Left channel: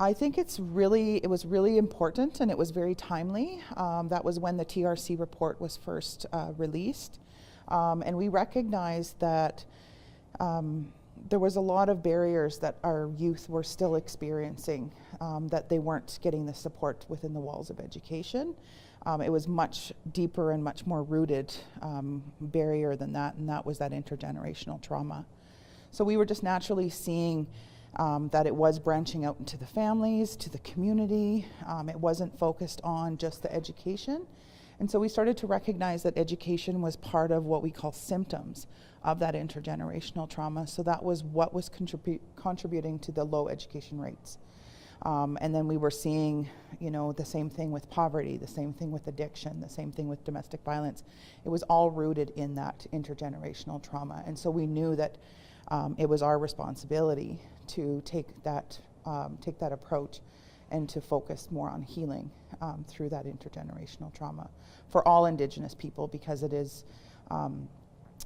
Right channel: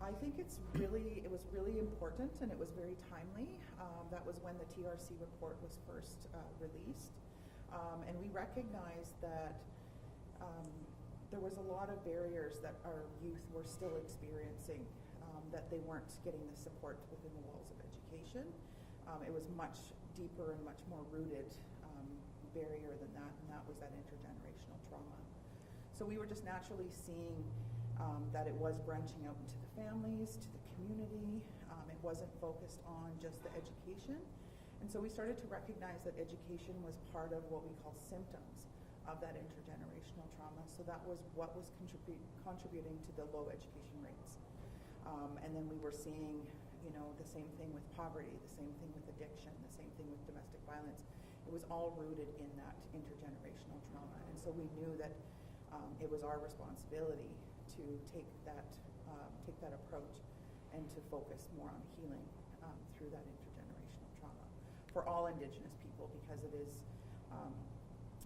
I think it was really important, and it was very timely. That was when the TRC report was first released. And we recognized that there was a lot of barriers that our youth were still experiencing, that they weren't getting the support within the walls of education. It was much deeper and much more rooted barrier than that, and that was that intergenerational trauma. So we were just naturally seeing that it was branching out into the families, to the community. It wasn't focused on just the education. And so we started to recognize that education was part of what we call symptoms of that intergenerational trauma. So that was what was contributing to the low education rates. And then we were seeing, the same thing with poverty, the same thing with addiction, the same thing with domestic violence. It was all rooted in that intergenerational trauma. And so we knew that it was our responsibility to take that approach and to focus more on healing through that intergenerational trauma for all Indigenous people, because it is,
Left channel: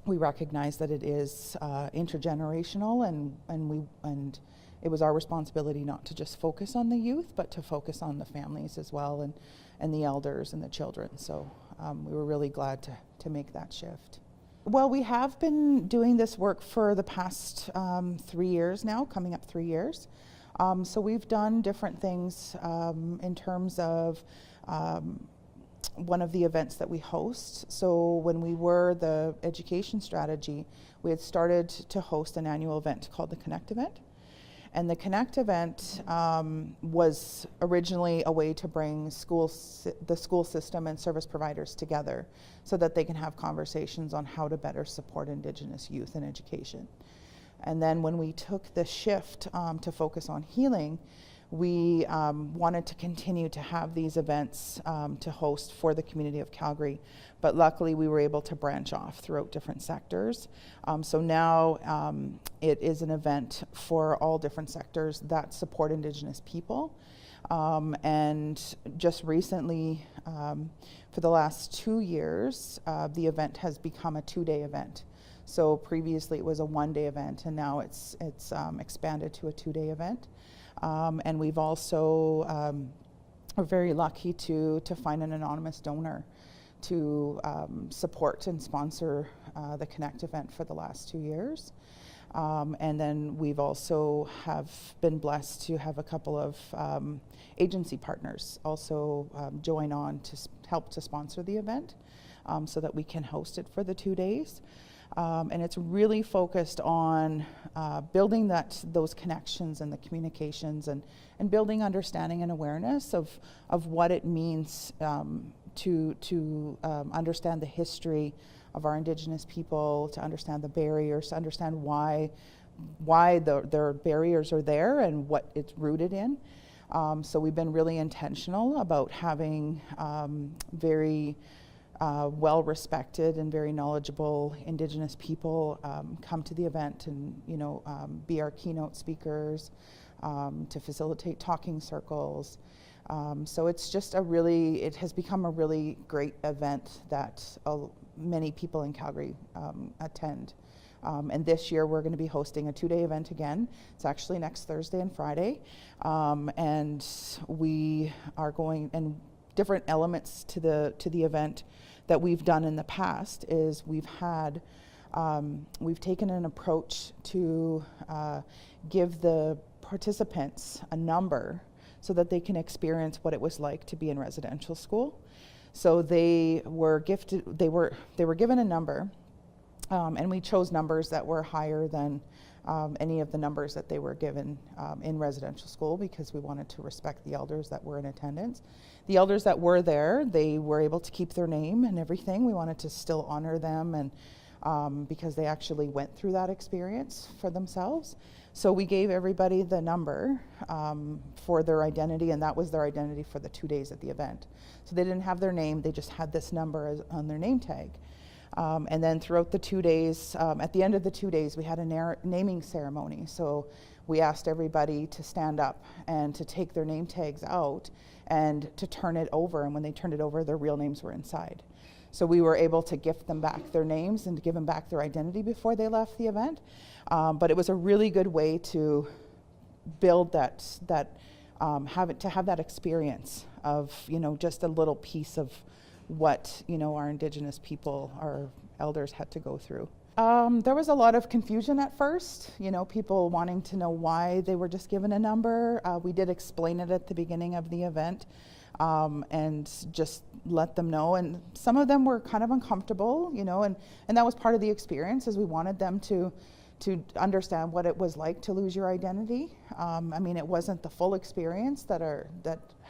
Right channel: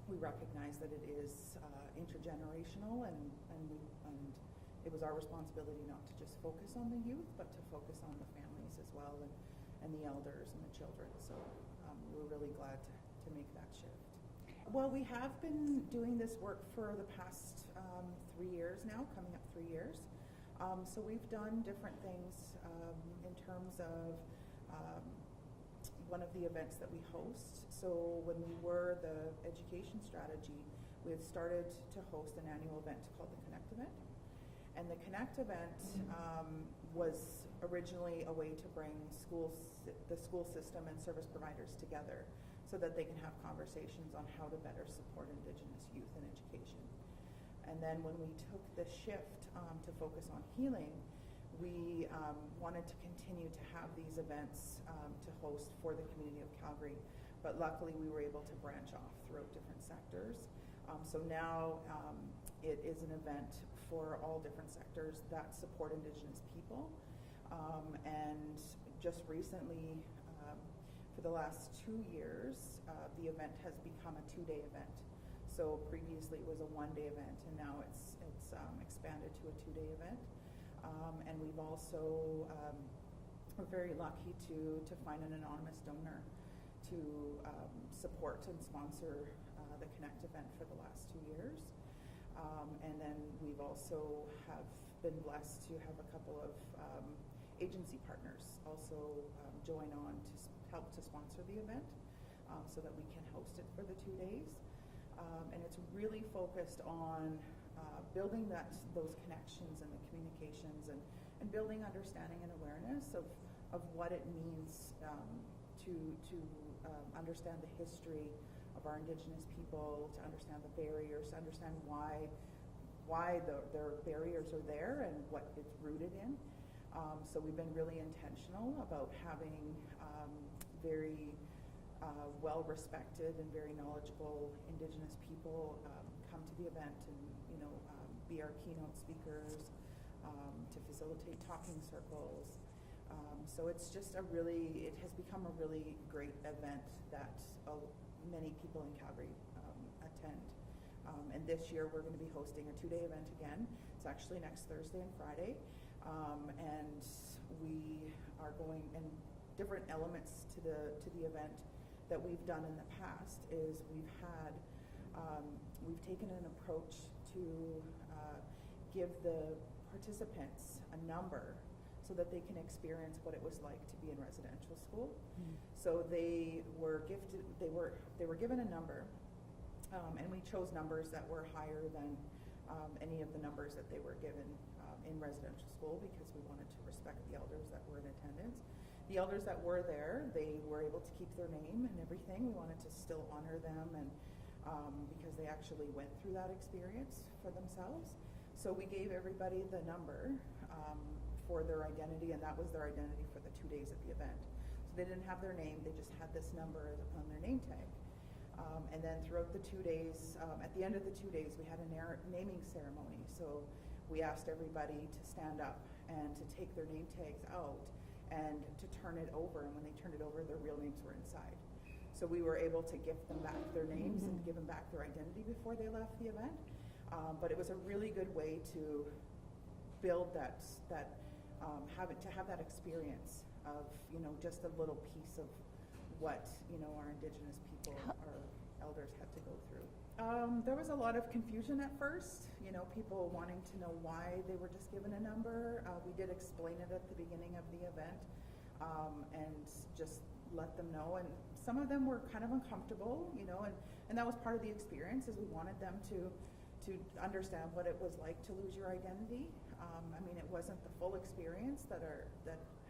we recognize that it is intergenerational, and it was our responsibility not to just focus on the youth, but to focus on the families as well, and the elders and the children. So we were really glad to make that shift. Well, we have been doing this work for the past 3 years now, coming up 3 years. So we've done different things in terms of one of the events that we host. So when we were the education strategy, we had started to host an annual event called the Connect event. And the Connect event was originally a way to bring the school system and service providers together so that they can have conversations on how to better support Indigenous youth in education. And then when we took the shift to focus on healing, we wanted to continue to have these events to host for the community of Calgary. But luckily we were able to branch off throughout different sectors. So now it is an event for all different sectors that support Indigenous people. And just recently, for the last 2 years, the event has become a 2-day event. So previously it was a 1-day event, and now it's expanded to a 2-day event. And we've also, we're very lucky to find an anonymous donor to support and sponsor the Connect event for the last 2 years. And then we've also have been blessed to have a couple of agency partners also join on to help to sponsor the event so that we can host it for the 2 days. And it's really focused on building those connections and the communications, and building understanding and awareness of what it means to understand the history of our Indigenous people, to understand the barriers, to understand why their barriers are there and what it's rooted in. So we've been really intentional about having very well-respected and very knowledgeable Indigenous people come to the event and be our keynote speakers, to facilitate talking circles. So it's just it has become a really great event that many people in Calgary attend. And this year we're going to be hosting a 2-day event again. It's actually next Thursday and Friday. And we are going, and different elements to the event that we've done in the past is we've taken an approach to give the participants a number so that they can experience what it was like to be in residential school. So they were given a number, and we chose numbers that were higher than any of the numbers that they were given in residential school, because we wanted to respect the elders that were in attendance. The elders that were there, they were able to keep their name and everything. We wanted to still honor them, and because they actually went through that experience for themselves. So we gave everybody the number for their identity, and that was their identity for the 2 days at the event. So they didn't have their name, they just had this number on their name tag. And then throughout the 2 days, at the end of the 2 days, we had a naming ceremony. So we asked everybody to stand up and to take their name tags out and to turn it over. And when they turned it over, their real names were inside. So we were able to gift them back their names and to give them back their identity before they left the event. But it was a really good way to build that to have that experience of, you know, just a little piece of what, you know, our Indigenous people, our elders had to go through. There was a lot of confusion at first, you know, people wanting to know why they were just given a number. We did explain it at the beginning of the event, and just let them know. And some of them were kind of uncomfortable, you know, and that was part of the experience, is we wanted them to understand what it was like to lose your identity. I mean, it wasn't the full experience that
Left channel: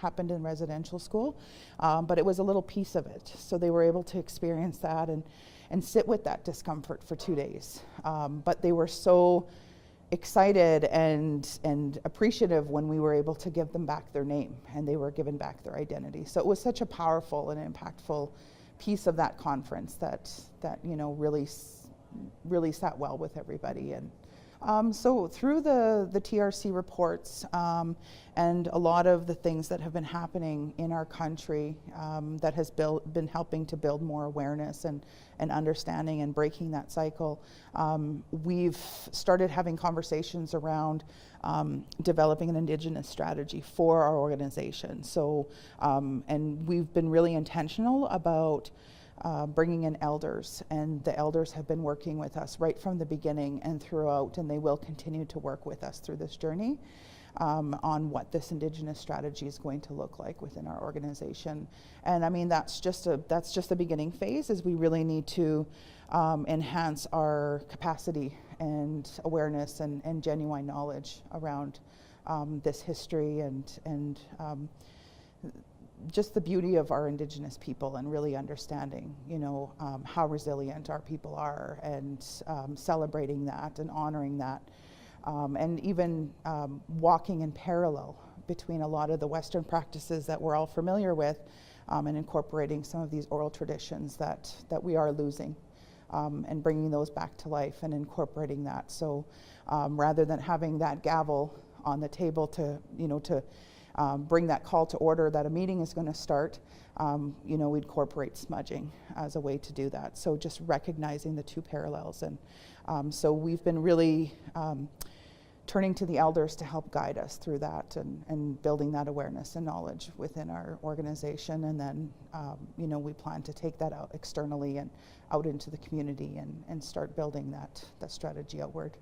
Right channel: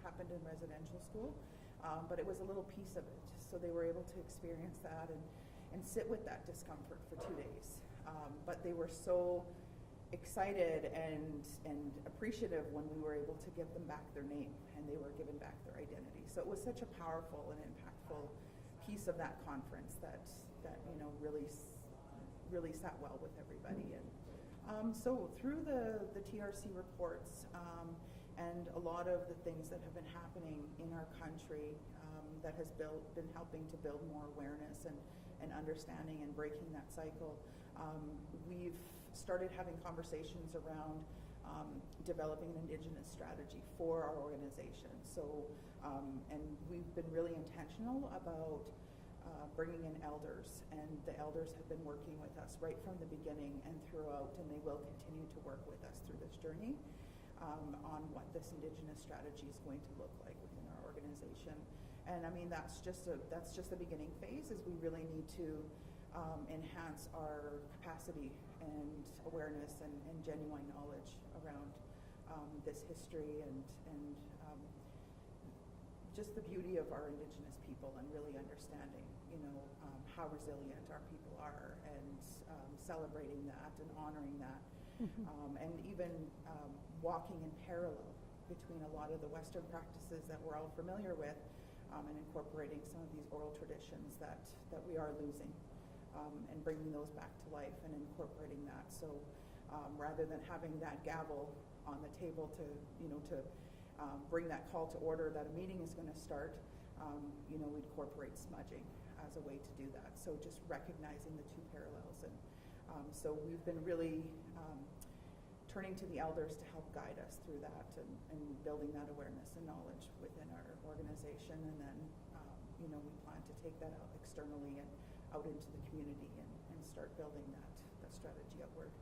happened in residential school, but it was a little piece of it. So they were able to experience that and sit with that discomfort for 2 days. But they were so excited and appreciative when we were able to give them back their name and they were given back their identity. So it was such a powerful and impactful piece of that conference that you know, really sat well with everybody. And so through the TRC reports and a lot of the things that have been happening in our country that has been helping to build more awareness and understanding and breaking that cycle, we've started having conversations around developing an Indigenous strategy for our organization. So, and we've been really intentional about bringing in elders, and the elders have been working with us right from the beginning and throughout, and they will continue to work with us through this journey on what this Indigenous strategy is going to look like within our organization. And I mean, that's just the beginning phase, is we really need to enhance our capacity and awareness and genuine knowledge around this history and just the beauty of our Indigenous people, and really understanding, you know, how resilient our people are, and celebrating that and honoring that. And even walking in parallel between a lot of the Western practices that we're all familiar with, and incorporating some of these oral traditions that we are losing, and bringing those back to life and incorporating that. So rather than having that gavel on the table to, you know, to bring that call to order that a meeting is going to start, you know, we incorporate smudging as a way to do that. So just recognizing the two parallels. And so we've been really turning to the elders to help guide us through that, and building that awareness and knowledge within our organization. And then, you know, we plan to take that out externally and out into the community and start building that strategy outward.